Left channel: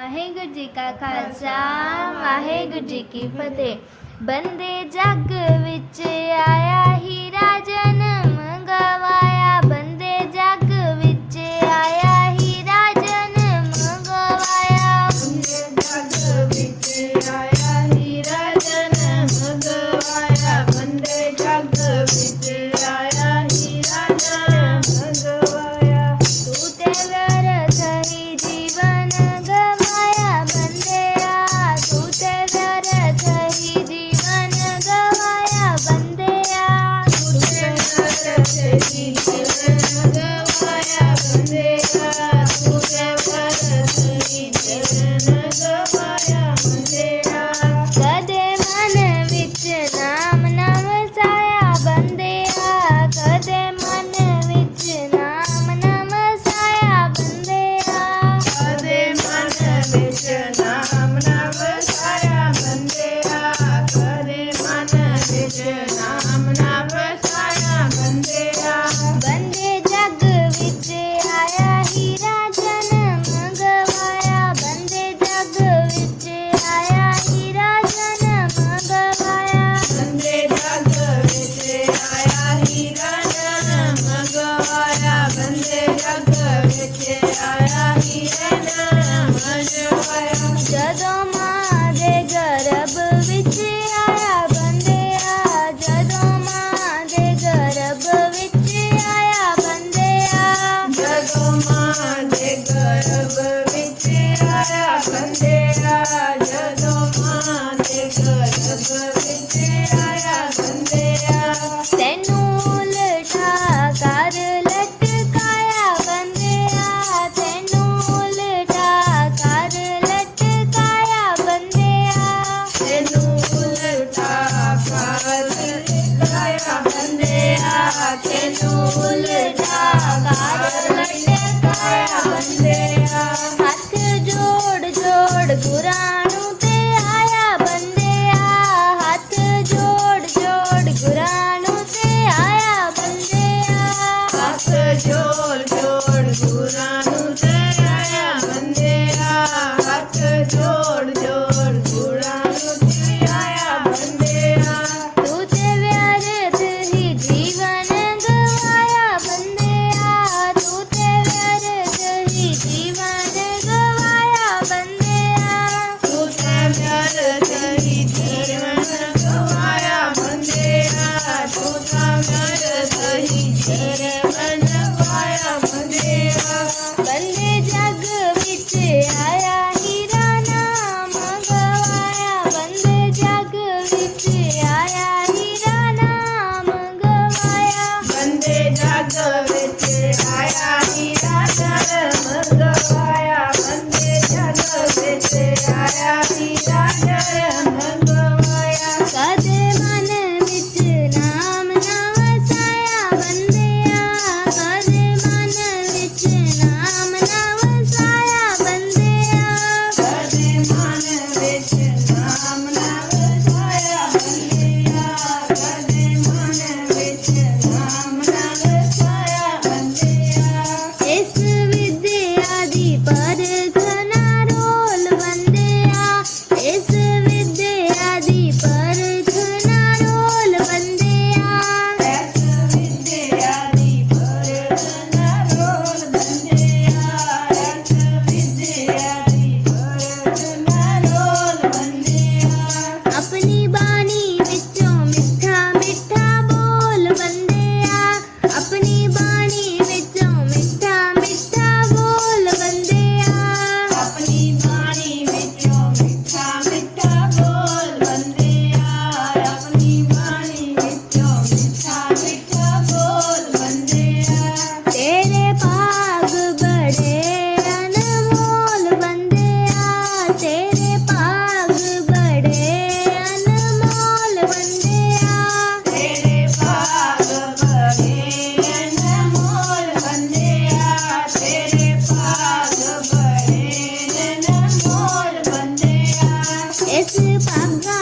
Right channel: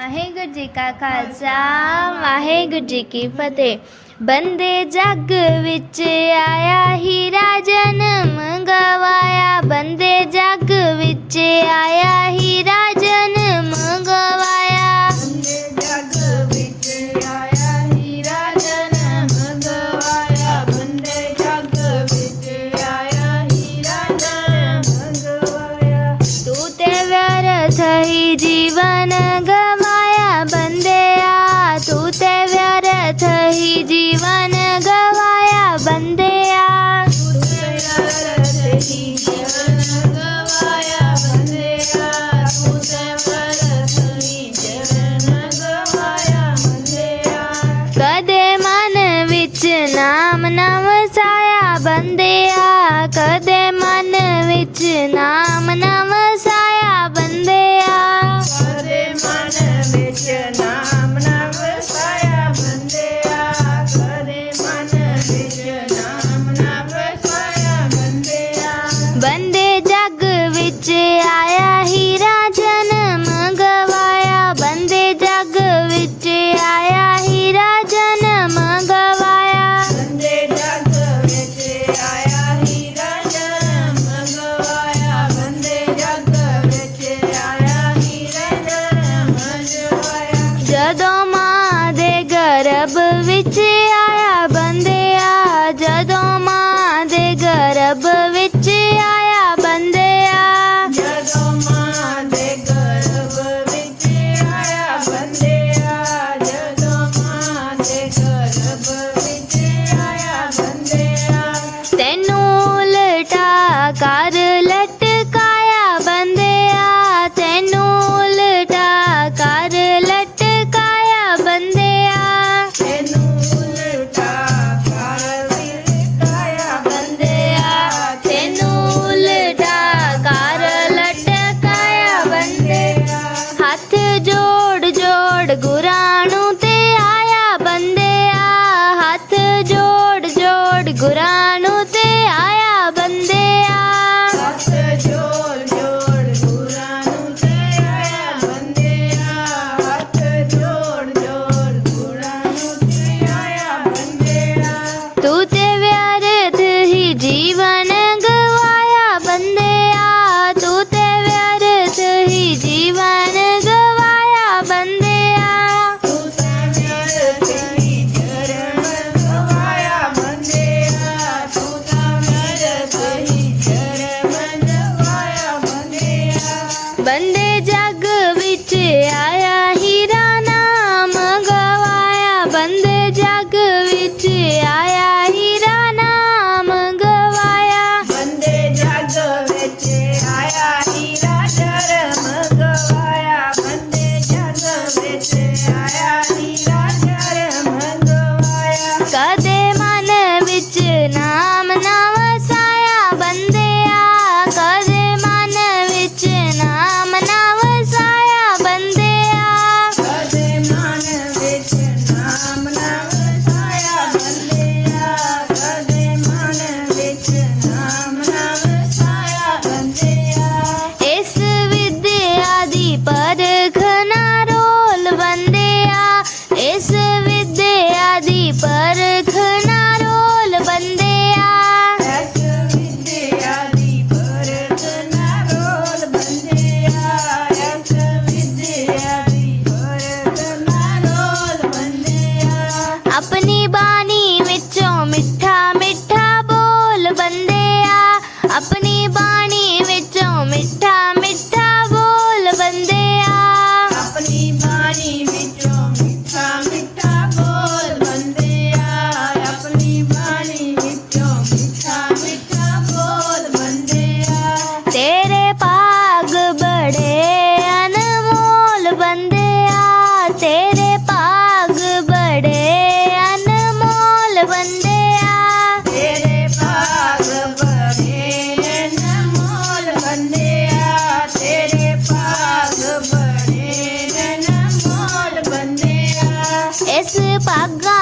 ਵਾਹਿਗੁਰੂ ਜੀ ਕਾ ਖਾਲਸਾ ਵਾਹਿਗੁਰੂ ਜੀ ਕੀ ਫਤਿਹ ਬੰਦੇ ਜੱਗ ਵਿੱਚ ਆਇਆ ਹੀ ਰਾਜਨ பாக்கா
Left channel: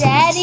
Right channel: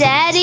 Daddy.